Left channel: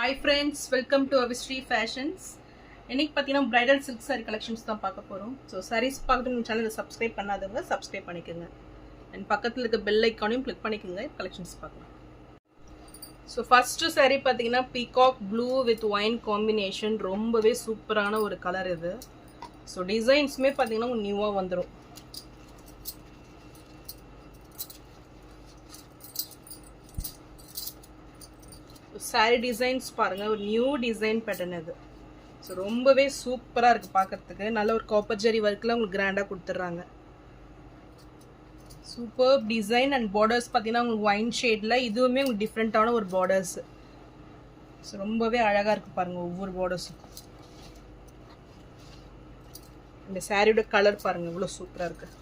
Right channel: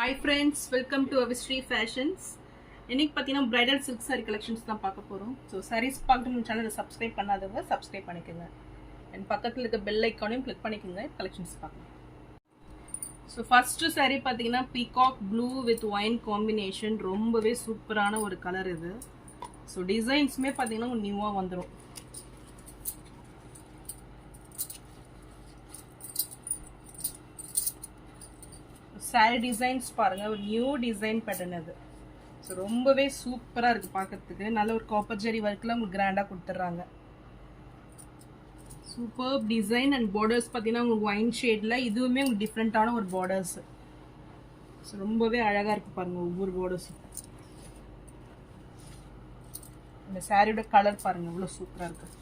Hi friends, welcome to Avishri Fashions. இன்னைக்கு பார்த்தீங்கன்னா bridal silk saree collections தான் பார்க்க போறோம். So sarees பார்க்கறது நம்ம சேனலை subscribe பண்ணாதவங்க subscribe பண்ணிக்கோங்க. And பக்கத்துல இருக்க bell icon-ஐயும் click பண்ணிக்கோங்க collections பார்க்கலாம். So first saree பார்த்தீங்கன்னா peacock blue with wine combination ரொம்பவே சூப்பரான ஒரு கலர் இது. So designsமே பார்த்தீங்கன்னா நியூவா வந்துரும். saree designs பாருங்க ஒரு நியூ டிசைன் பேட்டர்ன் இது. ஸோ ரொம்பவே சூப்பராக இருக்குது பார்க்கறதுக்கு. நல்ல ஒரு காப்பர் ஜெரி ஒர்க்கில் உங்களுக்கு கிராண்டாக கொடுத்துட்றாங்க. சூப்பர் டிசைன் அண்ட் பார்டர்ஸ் பார்த்தீங்கன்னா உங்களுக்கு ஒயின் ஷேடில் இதுவுமே உங்களுக்கு டிஃப்ரெண்ட்டான ஒரு பார்டர்ஸ். ஸோ ரொம்பவே அழகாக இருக்குது பாருங்கள் ஒவ்வொரு பார்டர்ஸும். இந்த சாரியோட கலர் பாருங்கள் இவ்வளோ சூப்பராக இருக்குது.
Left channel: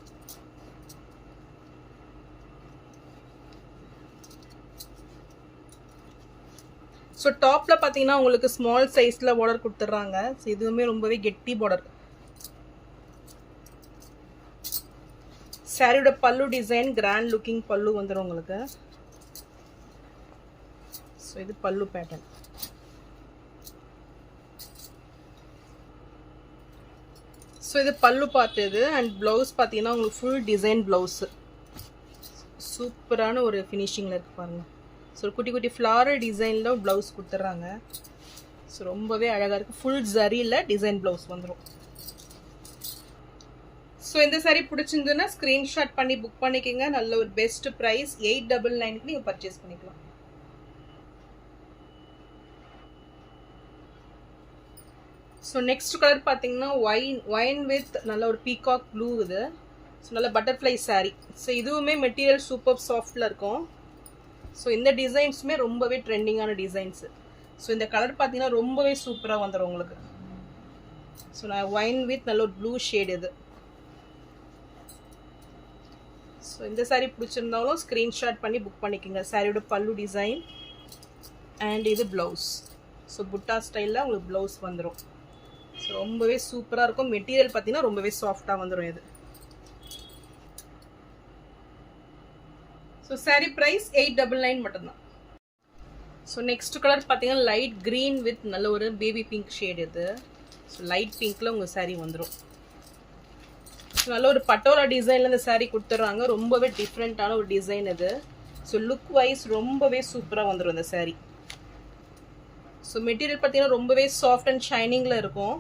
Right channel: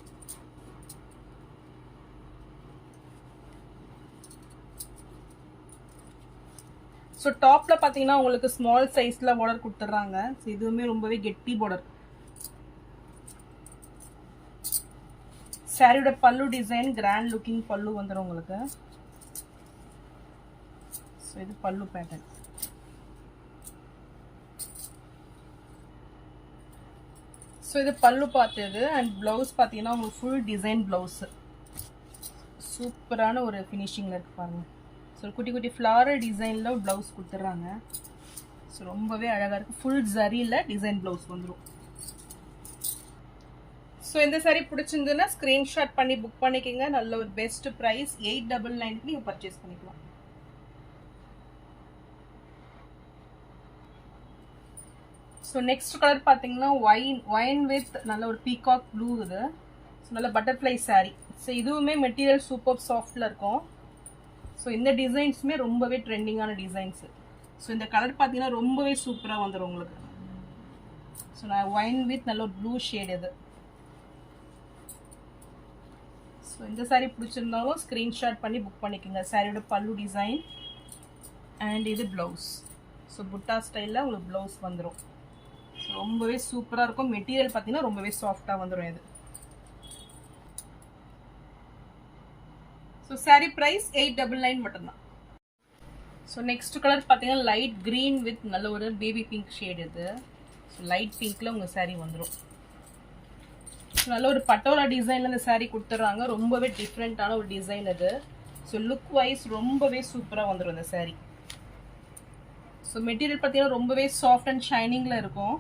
ஸோ டாப்பில் பார்த்தீங்கன்னா உங்களுக்கு ஸ்மால் சைஸில் பார்டர் கொடுத்துட்றாங்க. ஸோ இதுவுமே ரொம்பவே கெட்டி பார்டர். சாரியோட பல்லு டிசைன் கிராண்ட் லுக்கிங் பல்லு வந்துடும் உங்களுக்கு. ஸோ இது பல்லு பேட்டர்ன். ஸோ இது பல்லு பார்த்தது அண்ட் ப்ளவுஸ் பார்த்தீங்கன்னா உங்களுக்கு ஃபுல் டிசைன் ப்ளவுஸு. சூப்பரான ஒரு ஃபினிஷிங்கில் இருக்கு பாருங்க. ஸோ குட்டி குட்டி ஃப்ளாரல் டிசைனில் ப்ளவுஸ் கொடுத்துட்றாங்க. ஸோ ரொம்பவே அழகாக இருக்குது. ஃபுல் ஜரியில் டிசைன் ப்ளவுஸ் வந்துடும். ஸோ இந்த சாரீ பிடிச்சிருந்துன்னா ஸ்க்ரீன்ஷாட் பண்ணி புக் பண்ணிக்கோங்க. நல்ல ஒரு பெஸ்ட் ப்ரைஸ் 899க்கு நீங்கள் பர்ச்சேஸ் பண்ணிக்கலாம். ஸோ நெக்ஸ்ட் கலர் பார்த்தீங்கன்னா ஒயின் வித் நல்ல ஒரு பீகாக் ப்ளூ இது. ஸோ நல்ல பட்டர்ஃப்ளை சாரீ. ஸோ இதுவுமே மெட்டீரியல் சூப்பர் சாஃப்டில் இருக்கும். ஸோ இந்த டிசைன்ஸுமே ரொம்பவே ட்ரெண்டிங்கான டிசைன்ஸு. ஸோ இந்த கலர் பார்த்தீங்கன்னா ரொம்பவே சூப்பராக வந்துடும் உங்களுக்கு. ஸோ நான் ஒயின் வித் நல்ல ஒரு ப்ளூ ஷேட் இது. ஸோ இந்த சாரீ பிடிச்சிருந்தாலும் ஸ்க்ரீன்ஷாட் பண்ணி புக் பண்ணிக்கோங்க. சாரியோட பல்லு டிசைன் அண்ட் இது ப்ளவுஸ். ஸோ புட்டா ஸ்டைலில் உங்களுக்கு ப்ளவுஸ் வந்துடும். ஸோ ரொம்பவே சூப்பராக இருக்கும். மெட்டீரியல் பார்த்தீங்கன்னா ரொம்பவே சாஃப்டாக வந்துடும் இது. ஸோ சாரீ ப்ரைஸ் 899 மட்டும்தான். ஸோ நெக்ஸ்ட் கலர் பார்த்தீங்கன்னா லைட் க்ரீன் வித் நல்ல ஒரு பேபி பிங்க் ஷேட் இது. ஸோ லைட் பிங்க்கில் உங்கள் சாரீ வந்துடும். ஸோ நல்ல ஒரு பட்டோலா டிசைனில் இந்த சாரீ கொடுத்துட்றாங்க. ரொம்பவே டிஃப்ரெண்ட்டான ஒரு டிசைன் இது. ஸோ லுக் வைஸ் ரொம்பவே சூப்பராக வந்துடும் இந்த சாரீ. ஸோ மெட்டீரியல் பார்த்தீங்கன்னா ரொம்பவே சாஃப்ட் அண்ட் ஷைனிங்கில் இருக்கும்.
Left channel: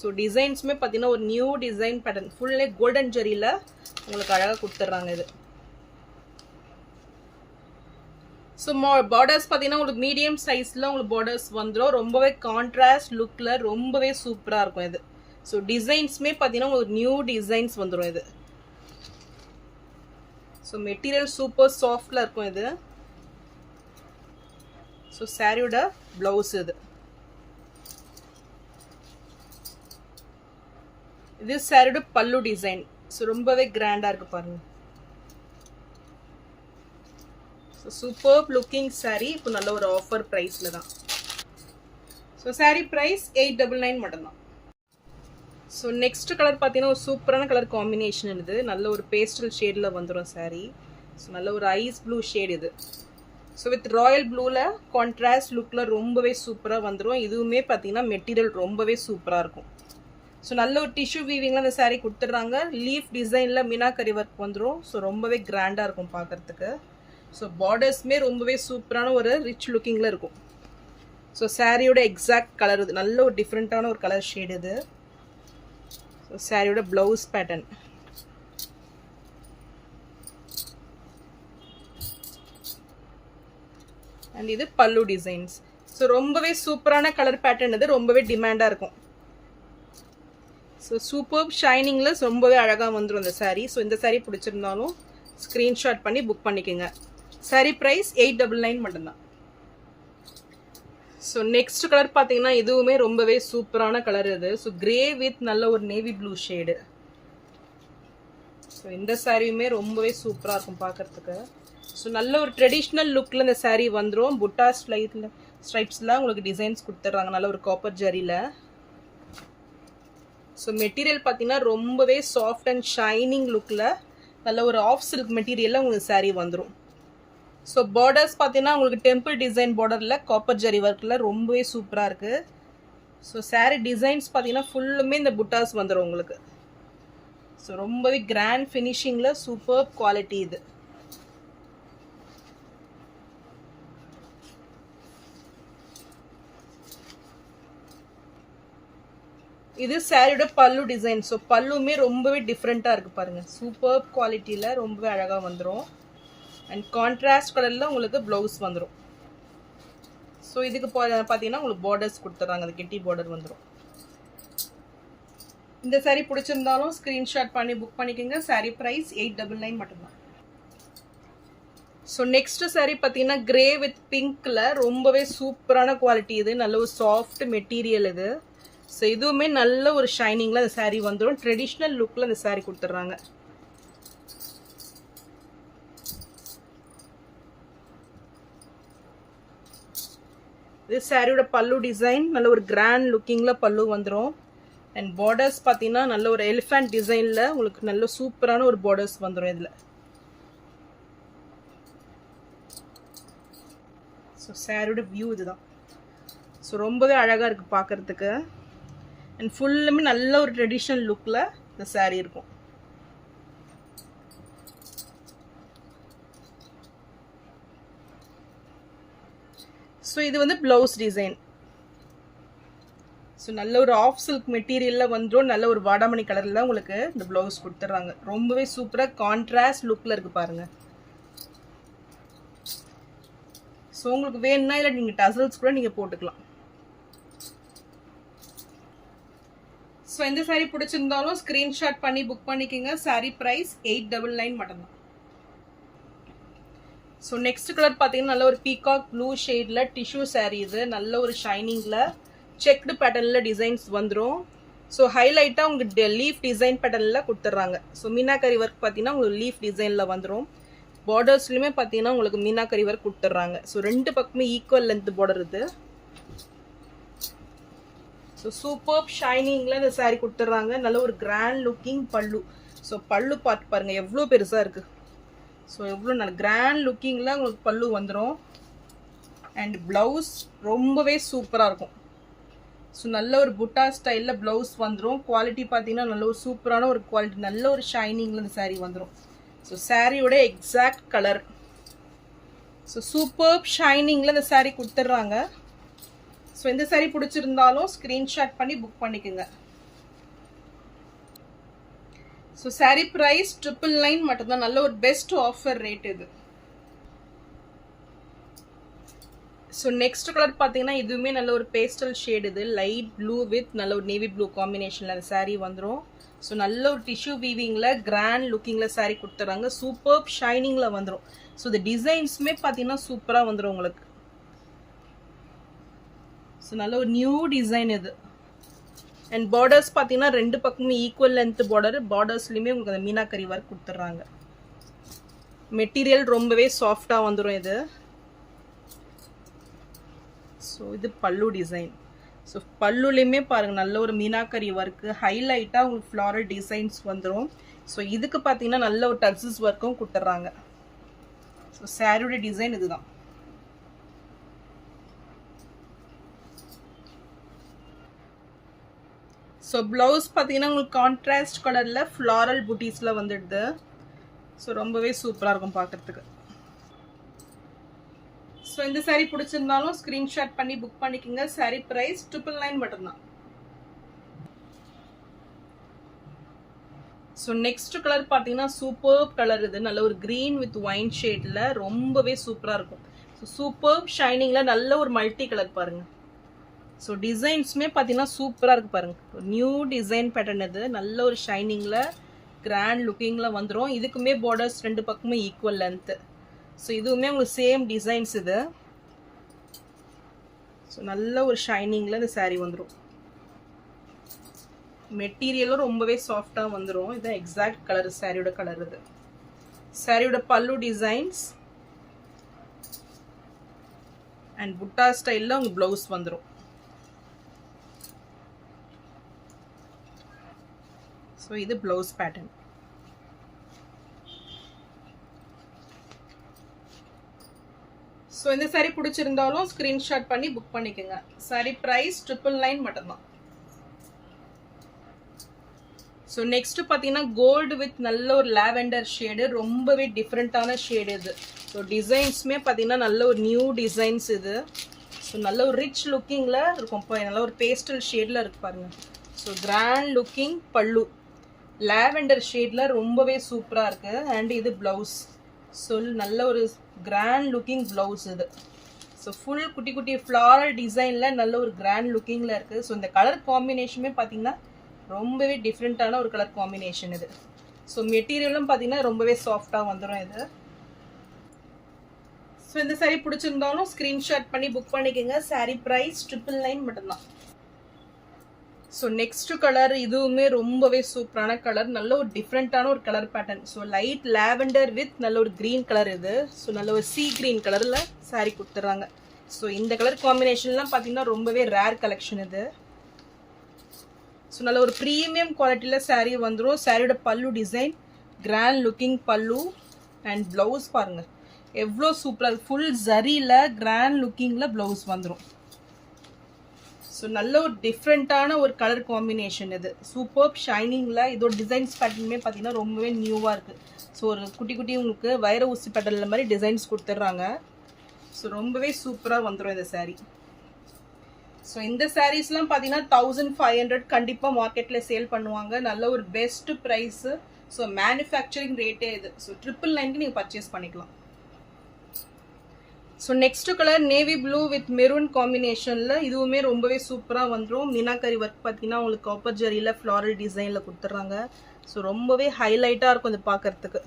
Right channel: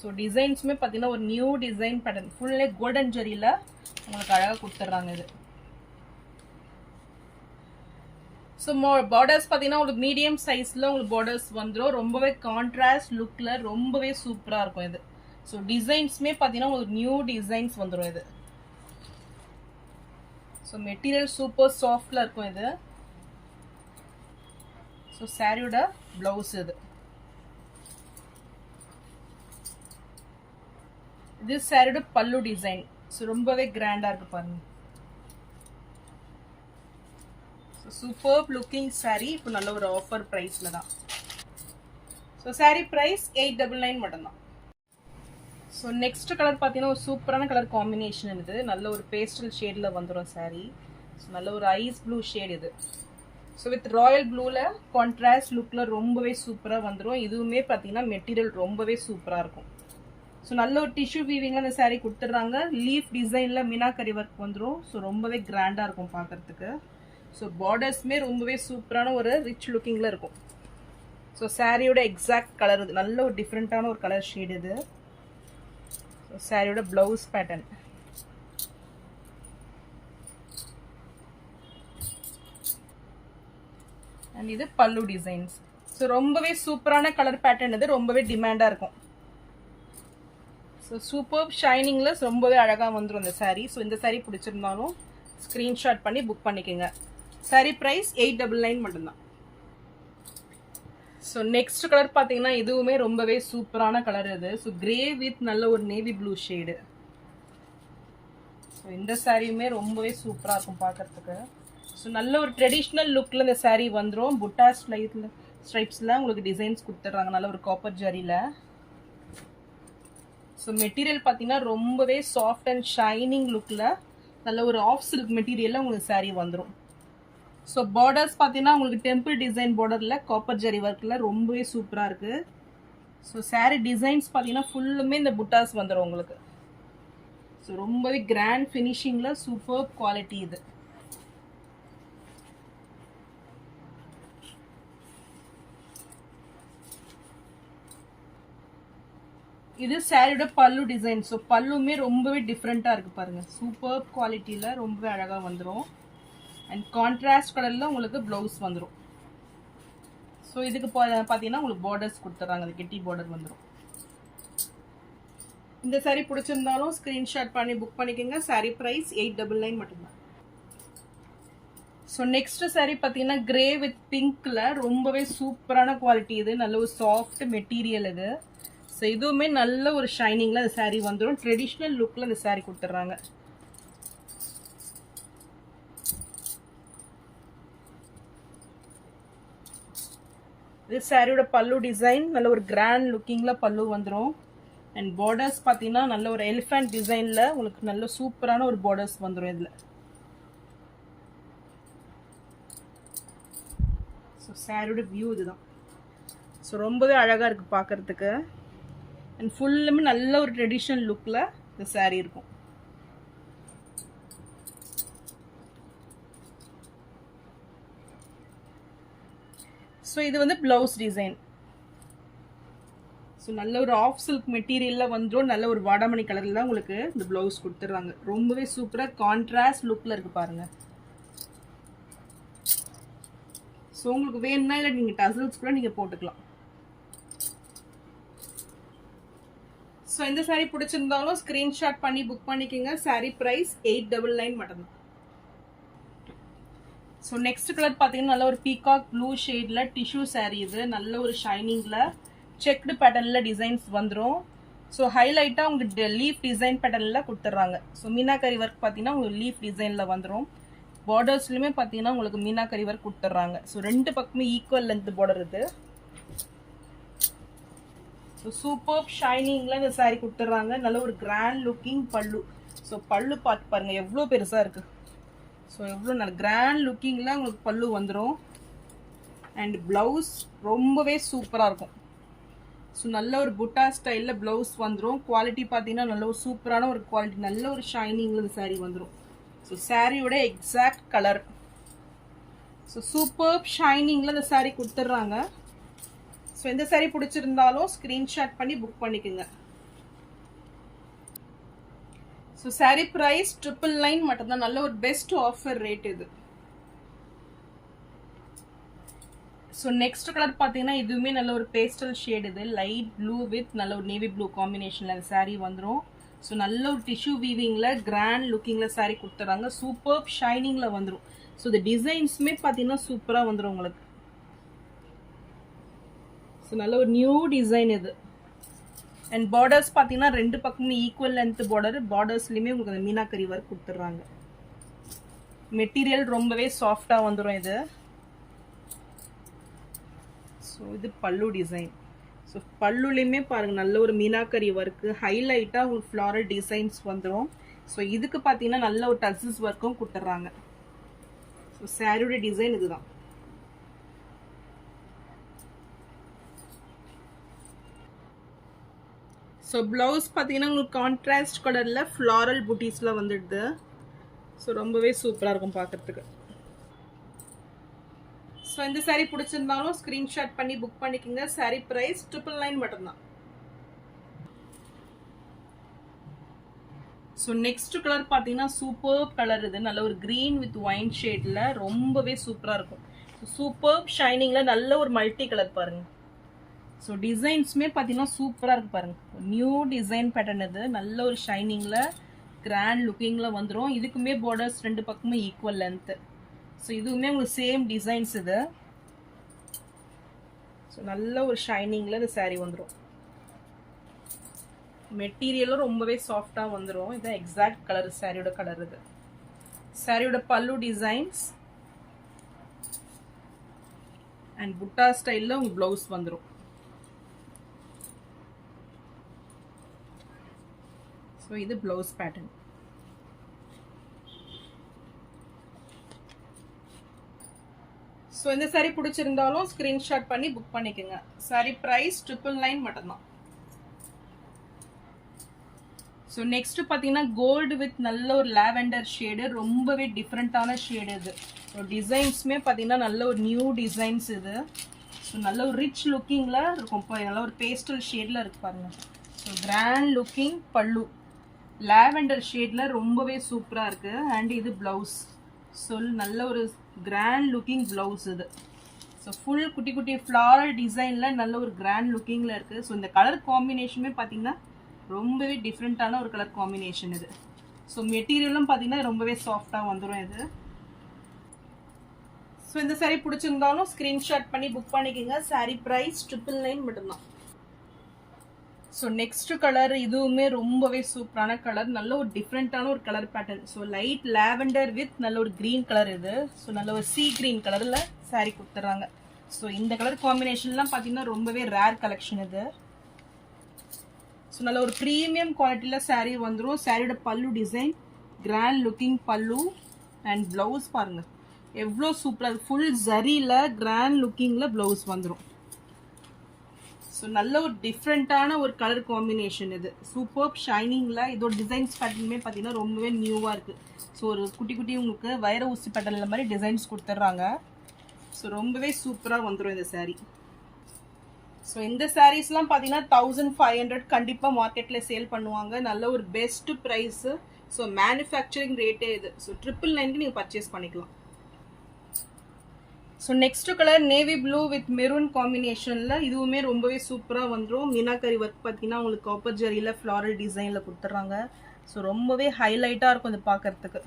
ஸோ டிசைன்ஸுமே பார்த்தீங்கன்னா ஒரு நியூ டிசைன் பேட்டர்ன் ஃபுல்லே கோல்டன் ஜெரியில் உங்களுக்கு அழகாக கொடுத்துட்றாங்க இது. ஸோ பார்டர்ஸ் பார்த்தீங்கன்னா உங்களுக்கு மீடியம் சைஸில் உங்களுக்கு பார்டர்ஸ் வந்துடும். ரொம்பவே கான்ட்ராஸ்ட் லுக்கில் ரொம்பவே சூப்பராக இருக்கும் இது. ஸோ டிசைன்ஸுமே பார்த்தீங்கன்னா உங்களுக்கு நியூ டிசைன்ஸ் வந்துடும் இது. ஸோ மெட்டீரியல் சூப்பர் சாஃப்டில் இருக்கும் இது. ஸோ சாரியோட ப்ளவுஸ் இது. இது சாரியோட பல்லு டிசைன். ஸோ ரொம்பவே கிராண்டாக இருக்குது பாருங்க. So super looking sari. இப்போ நல்ல ஒரு ஆஃபர் ப்ரைஸில் தான். ஸோ சாரீ ப்ரைஸ் 899 மட்டும்தான். ஸோ நெக்ஸ்ட் கலர் பார்த்தீங்கன்னா ஒரு சூப்பரான கலர் காம்பினேஷன் இது. நல்ல ஒரு பேஸ்டல் ஷேடில் வந்துடும் சாரீ. ஸோ நல்ல ஒரு ஐஸ் ப்ளூ ஷேட் இது. ஸோ வித் ராயல் ப்ளூவில் கான்ட்ராஸ்ட் லுக்கில் ரொம்பவே சூப்பராக வந்துடும். இதுவுமே பார்த்தீங்கன்னா மெட்டீரியல் ரொம்பவே சூப்பராக இருக்கும். ஸோ நல்ல ஒரு டிஷ்யூ வீவிங்கில் இந்த சாரீ கொடுத்துட்றாங்க. லீஃப் டிசைனில் மீனாக்கரி ஒர்க் வந்துடும். ஸோ ரொம்பவே கிராண்டாக இருக்கும் பார்க்குறதுக்கு. ஸோ பார்டர்ஸ்மே ரொம்பவே சூப்பரான ஒரு ரிச் லுக்கிங்கில் இருக்கும். ஸோ சாரியோட எக்ஸாக்ட் கலர் இது. நல்ல ஒரு டிஃப்ரெண்ட்டான ஒரு கலர் ஷேட் இது. ஸோ சாரியோட ப்ளவுஸ் பேட்டர்ன். அண்ட் இது பல்லு டிசைன்ஸ். ஸோ ரொம்பவே சூப்பரான கலர் பேட்டர்ன் இது. ரொம்பவே டிமாண்டாக இருக்கும். ஸோ சூப்பர் ஷைனிங்கில் ரொம்பவே அழகாக வந்துடும் இந்த சாரீ. ஸோ இந்த சாரீ பிடிச்சிருந்தாலும் ஸ்க்ரீன்ஷாட் பண்ணி புக் பண்ணிக்கோங்க. சாரீ ப்ரைஸ் 899 மட்டும்தான். ஸோ நெக்ஸ்ட் கலர் பார்த்தீங்கன்னா இதுவுமே ரொம்பவே சூப்பரான கலர் இது. ஸோ கிரே வித் நல்ல ஒரு நேவி ப்ளூ ஷேடு. ஸோ இந்த சாரியுமே ரொம்பவே சூப்பராக இருக்கும் பார்க்கறதுக்கு. ஸோ நல்ல ஒரு ட்ரெடிஷ்னல் லுக்கில் இந்த சாரீ வந்துடும். புட்டா ஸ்ட்ரைப்ஸில் உங்களுக்கு டிசைன்ஸ் கொடுத்துட்றாங்க நல்ல ஒரு காப்பர் ஜரியில். ஸோ மெட்டீரியல் பார்த்தீங்கன்னா ரொம்பவே சாஃப்ட் அண்ட் ஷைனிங் லுக்கில் நல்ல ஒரு ஆஃப் சில்க் மெட்டீரியலில் உங்களுக்கு சாரீ வந்துடும். ஸோ பார்டர்ஸ் பார்த்தீங்கன்னா உங்களுக்கு டெம்பிள் டிசைன் பார்டரில் காப்பர் ஜரி ஒர்க்கில் ரொம்பவே சூப்பராக இருக்குது. ஸோ saree டிசைன்ஸ் பார்த்தீங்கன்னா ஃபுல்லுமே இந்த புட்டாஸ் வந்துடும் உங்களுக்கு. ஸோ ரொம்பவே கிராண்ட் ஃபினிஷிங்கில் சூப்பர் குவாலிட்டி இது. இது சாரியோட பல்லு டிசைன். ஸோ பல்லுமே ரொம்பவே டிஃப்ரெண்ட்டாக இருக்குது பாருங்கள். சூப்பர் குவாலிட்டியில் ரொம்பவே அழகாக வந்துடும். அண்ட் கான்ட்ராஸ்ட் கலரில் உங்களுக்கு ப்ளவுஸ் வந்துடும். ஸோ இதுக்கு பார்த்தீங்கன்னா உங்களுக்கு பார்டர்ஸ் கொடுத்துட்றாங்க. அது கெட்டி பார்டர் வந்துடும். இந்த சாரீ பிடிச்சிருந்தாலும் ஸ்க்ரீன்ஷாட் பண்ணி புக் பண்ணிக்கோங்க. சாரீ ப்ரைஸ் 899 மட்டும்தான். ஸோ நெக்ஸ்ட் சாரீ பார்த்தீங்கன்னா கிரே வித் பிங்க்கில் ரொம்பவே சூப்பரான குவாலிட்டி இது. நல்ல ஒரு சாஃப்ட் மெட்டீரியல் இது. ஸோ இதுவுமே நல்ல ஒரு ஷைனிங்கில் அந்த சாரீ வந்துடும். ட்ரெடிஷ்னல் லுக்கில் அந்த சாரீ கொடுத்துட்றாங்க. இது சாரியோட பல்லு டிசைன். நல்ல ஒரு கிராண்ட் லுக்கிங்கில் பல்லு வந்துடும். அண்ட் பார்டர்ஸ் பார்த்தீங்கன்னா நல்ல ஒரு எலிஃபண்ட் டிசைனில் உங்களுக்கு நல்ல சூப்பரான ஒரு பார்டர்ஸ் வந்துடும் இதில். ஸோ சாரியோட வியூ இதுதான். ஸோ ரொம்பவே அழகாக இருக்குது பார்க்குறதுக்கு. அண்ட் ஃபுல்லுமே நல்ல ஒரு ட்ரெடிஷ்னல் லுக்கில் இந்த சாரீ இருக்கும். ஸோ இது வந்து ப்ளவுஸ் டிசைன். ஸோ நல்ல ஒரு ஆஃப் சில்க் மெட்டீரியலில் வந்துடும். நல்ல ஒரு வாடாமணி கலரில் தான் உங்களுக்கு இந்த ப்ளவுஸ் கொடுத்துட்றாங்க. ரொம்பவே சூப்பராக கான்ட்ராஸ்ட் லுக்கில் இருக்குது பாருங்கள். ஸோ உங்களுக்கு வேணும்னா இல்லை நீங்கள் டசல்ஸ் கூட நீங்கள் போட்டுக்கலாம். ஸோ இந்த சாரீ பிடிச்சிருந்தாலும் ஸ்க்ரீன்ஷாட் பண்ணி புக் பண்ணிக்கோங்க. சாரீ ப்ரைஸ் 899 மட்டும்தான். ஸோ நெக்ஸ்ட் கலர் பார்த்தீங்கன்னா நல்ல ஒரு பீகாக் ப்ளூ ஷேடில் டிஷ்யூ சாரீ இது. நல்ல ஒரு ஷைனிங்கில் செக்டு பேட்டர்னில் டிசைன்ஸ் வந்துடும். ஸோ ஹைலைட்டாக உங்களுக்கு லீஃப் டிசைன் பேட்டர்னில் கொடுத்துட்றாங்க. ஸோ மீனாக்கரி ஒர்க் பார்த்தீங்கன்னா உங்களுக்கு லீஃப் டிசைனில் வந்துடும். பார்டர்ஸ்லையுமே பார்த்தீங்கன்னா உங்களுக்கு மீனாக்கரி ஒர்க் கொடுத்துட்றாங்க. ஸோ ரெண்டு பக்கமே ஈக்குவல் லென்த் பார்டர் இது. ஸோ சூப்பர் ஷைனிங்கில் இந்த சாரீ கொடுத்துட்றாங்க. நல்ல ஒரு கிராண்ட் லுக்கிங் பல்லு. ஸோ பல்லு பார்த்து பாருங்கள் எவ்வளோ பெருசாக இருக்குது. ஸோ எவ்வளோ நல்ல கிராண்ட் லுக்கிங்கில் உங்களுக்கு பல்லு வந்துடும். அண்ட் ப்ளவுஸ் ரொம்பவே சூப்பராக இருக்கும். ஸோ நல்ல ஒரு புட்டா ஸ்டைலில் ப்ளவுஸ் வந்துடும். குவாலிட்டி பார்த்தீங்கன்னா நல்ல ஒரு சூப்பரான ஒரு குவாலிட்டி. நல்ல ஒரு ஷைனிங்கில் இந்த சாரீ வந்துடும். ஸோ சாரியோட எக்ஸாக்ட் கலர். ஸோ சூப்பர் ஷைனிங்கில் இந்த சாரீ கொடுத்துட்றாங்க. ஸோ இந்த சாரீ பிடிச்சிருந்தாலும் ஸ்க்ரீன்ஷாட் பண்ணி புக் பண்ணிக்கோங்க. ஸோ சாரீ ப்ரைஸ் 999 மட்டும்தான். நல்ல ஒரு பெஸ்ட் ஆஃபர் ரேட் இது. ஸோ நெக்ஸ்ட் கலர் பார்த்தீங்கன்னா இதுவுமே நல்ல ஒரு பேஸ்டல் ஷேட் இது. லைட் ப்ளூ வித் நல்ல ஒரு நேவி ப்ளூ காம்பினேஷனில் அந்த சாரீ வந்துடும். ஸோ நல்ல ஒரு டிஷ்யூ வீவிங்கில் கிராண்ட் லுக்கிங்கில் சாரீ கொடுத்துட்றாங்க. சூப்பர் ஷைனிங்கில் வந்துடும். ஸோ இந்த டிசைன்ஸுமே பார்த்தீங்கன்னா சூப்பராக வந்துடும் உங்களுக்கு. ஸோ நல்ல ஒரு நியூ டிசைன் இது. அண்ட் பார்டர்ஸ் பார்த்தீங்கன்னா ரெண்டு பக்கமும் ஈக்குவல் லென்த் பார்டர். பார்டர்ஸ்லையுமே உங்களுக்கு அந்த மீனாக்கரி ஒர்க் கொடுத்துட்றாங்க. மெட்டீரியல் ரொம்பவே சாஃப்டாக வந்துடும் இது. ஸோ இது பல்லு டிசைன். ஸோ பல்லுலையுமே பாருங்கள் நல்ல ஒரு மீனாக்கரி ஒர்க்கு ஹைலைட்டாக உங்களுக்கு ஃப்ளாரல் டிசைன்ஸ் வந்துடும். ஸோ இதுக்கு பார்த்தீங்கன்னா நல்ல ஒரு டக்ஸஸ் ஒர்க்கும் கொடுத்துட்றாங்க. ஸோ சாரியோட டிசைன் இதுதான். ஸோ ப்ளவுஸ் பார்த்தீங்கன்னா உங்களுக்கு கான்ட்ராஸ்ட் கலரில் ஃப்ளாரல் புட்டீஸில் வந்துடுது. ஸோ ரொம்பவே சூப்பராக இருக்கும் பார்க்குறதுக்கு. ஸோ இந்த சாரீ பிடிச்சிருந்தாலும் ஸ்க்ரீன்ஷாட் பண்ணி புக் பண்ணிக்கோங்க. சாரீ ப்ரைஸ் 999 மட்டும்தான். ஸோ நெக்ஸ்ட் கலர் பார்த்தீங்கன்னா சூப்பர் கலர் இது. நல்ல ஒரு க்ரீன் வித் ஒயின் ஷேடில் ரொம்பவே சூப்பராக இருக்கும். ஸோ சூப்பர் ஷைனிங்கில் நல்ல ஒரு மல்டி கலர் பாருங்கள். ஸோ டிசைன்ஸுமே பார்த்தீங்கன்னா சூப்பராக இருக்குது பாருங்கள். ஒரு நியூ டிசைன் பேட்டர்ன் இது. நல்ல ஒரு ஷைனிங்கில் கிராண்ட் லுக்கிங்கில் வந்துடும். இதுக்குமே பார்டர்ஸ் ரெண்டு பக்கமும் ஈக்குவல் லென்த்து. ஸோ இதுவுமே உங்களுக்கு சேம் டிசைன்ஸ் இது. ஸோ நல்ல ஒரு ஷைனிங்கில் இந்த சாரீ வந்துடும். மெட்டீரியலும் ரொம்பவே சாஃப்டாக வந்துடும். இதுதான் எக்ஸாக்ட் கலர் சாரியோட கலர் இது. சாரியோட பல்லு டிசைன்ஸ் அண்ட் புட்டா ஸ்டைலில் உங்களுக்கு ப்ளவுஸ் வந்துடும். ஸோ இது ப்ளவுஸ் பேட்டர்ன். ஸோ இந்த சாரீ பிடிச்சிருந்தாலும் ஸ்க்ரீன்ஷாட் பண்ணி புக் பண்ணிக்கோங்க. சாரீ ப்ரைஸ் 999 மட்டும்தான். ஸோ நெக்ஸ்ட் பார்த்தீங்கன்னா கோல்டு வித் நல்ல ஒரு லாவெண்டர் ஷேடு, ரொம்பவே டிஃப்ரெண்ட்டான ஷேடு இது. ஸோ டிசைன்ஸுமே பார்த்தீங்கன்னா நல்ல ஒரு நியூ டிசைன்ஸ் இது. ஸோ நல்ல ஒரு ரிச் லுக்கிங்கில் இருக்கும், நல்ல ஒரு பேஸ்டல் ஷேடில் இருக்கு பாருங்க. ஸோ கிராண்ட் லுக்கிங் பல்லு, லாவெண்டர் ஷேடில் ரொம்பவே சூப்பராக இருக்குது. அண்ட் இது ப்ளவுஸ். ஸோ நல்ல ஒரு கிராண்ட் லுக்கிங் ப்ளவுஸ் இது. ஸோ ஃபுல் குட்டி குட்டி ஃப்ளாரல் டிசைனில் நல்ல ஒரு கிராண்ட் லுக்கிங்கில் இருக்குது. ஸோ இந்த கலர் காம்பினேஷனுமே பார்த்தீங்கன்னா ரொம்பவே டிஃப்ரெண்ட்டான ஒரு கலர் காம்பினேஷன் இது. ஸோ மெட்டீரியலும் பார்த்தீங்கன்னா ரொம்பவே சாஃப்டாக வந்துடும் இது. ஸோ இந்த சாரீ பிடிச்சிருந்தாலும் ஸ்க்ரீன்ஷாட் பண்ணி புக் பண்ணிக்கோங்க. சாரீ ப்ரைஸ் 999 மட்டும்தான். ஸோ நெக்ஸ்ட் கலர் இதுவுமே ரொம்பவே சூப்பரான கலர், நல்ல ஒரு டிஃப்ரெண்ட்டான ஒரு colour pattern. So light lavender with நல்ல ஒரு க்ரீன் கலர் இது. ஸோ நல்ல ஒரு சீ க்ரீன் கலரில் சாரீ கொடுத்துட்றாங்க. ஸோ இந்த கலர் காம்பினேஷன்லாம் பார்த்தீங்கன்னா ரொம்பவே ரேர் கலெக்ஷன் இது. ஸோ நல்ல ஒரு ப்ரீமியம் குவாலிட்டியில் சாரீ வந்துடும். சாரியோட பல்லு டிசைன் கிராண்ட் லுக்கிங் பல்லு அண்ட் ப்ளவுஸ் பாருங்கள் எவ்வளோ சூப்பராக, ஃபுல் ஜரியில் கிராண்ட் லுக்கிங்கில் ப்ளவுஸ் வந்துடும். ஸோ நல்ல ஒரு டிஃப்ரெண்ட்டான ஒரு கலர் காம்பினேஷன் இது. சூப்பர் ஷைனிங்கில் இதோட டிசைன்ஸ் பேட்டர்னுமே பார்த்தீங்கன்னா ரொம்பவே நியூவாக இருக்குது. ஸோ ஒரு குட்டி குட்டி உங்களுக்கு வைர ஊசி பேட்டர்னில் மாதிரி டிசைன்ஸ் கொடுத்துட்றாங்க. ஸோ ரொம்பவே சூப்பராக வந்துடும் இந்த சாரீ. ஸோ இந்த சாரீஸ்லாம் பார்த்தீங்கன்னா 1500 கண்டிப்பாக மார்க்கெட்டில் சேல் பண்ணுவாங்க. நல்ல ஒரு பெஸ்ட் ப்ரைஸு. ஸோ மேனுஃபேக்சரிங் ரேட்டே இது. ஸோ 999 நீங்கள் பர்ச்சேஸ் பண்ணிக்கலாம். So next colour navy blue with maroon காம்பினேஷனில் இதுவுமே ரொம்பவே சூப்பராக வந்துடும். மீனாக்கரி ஒர்க் பார்த்தீங்கன்னா உங்களுக்கு காப்பர் ஜரியில் ஃப்ளாரல் டிசைனில் கொடுத்துட்றாங்க. ஸோ ரொம்பவே ஹைலைட்டாக இருக்கும் இது பார்க்கறதுக்கு.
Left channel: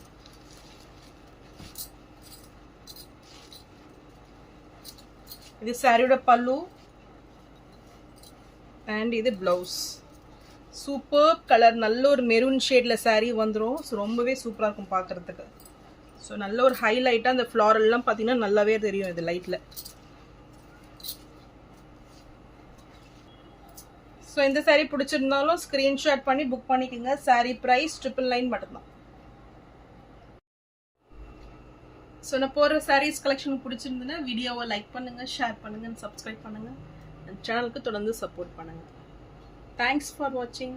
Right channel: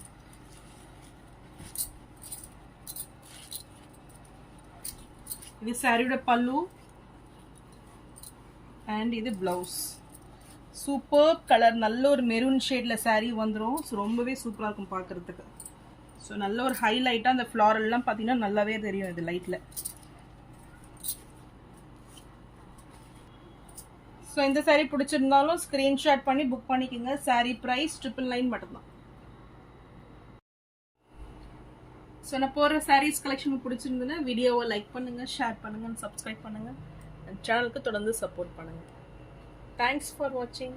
இது சாரியோட பல்லு அண்ட் இது ப்ளவுஸ். சூப்பர் கலர், நல்ல ஒரு மெரூன் ஷேடில் சாரீ வந்துடும். ஸோ ரொம்பவே சூப்பராக இருக்கும் பார்க்குறதுக்கு. ஸோ நல்ல ஒரு ஹைலைட்டாக அந்த ஃப்ளாரெல்லாம் பார்த்தீங்கன்னா நல்லாவே தெரியும் இது லைட்டில். ஸோ இந்த சாரீ பிடிச்சிருந்தாலும் ஸ்க்ரீன்ஷாட் பண்ணி புக் பண்ணிக்கோங்க. சாரீ ப்ரைஸ் 999 மட்டும்தான். ஸோ நான் போடுற சாரீஸ் கலெக்ஷன் பிடிச்சிருந்துன்னா வீடியோவை லைக் பண்ணுங்கள், ஷேர் பண்ணுங்கள், சப்ஸ்கிரைப் பண்ணுங்கள். சேனலுக்கு தொடர்ந்து சப்போர்ட் பண்ணுங்கள். தேங்க்ஸ் ஃபார் வாட்சிங்.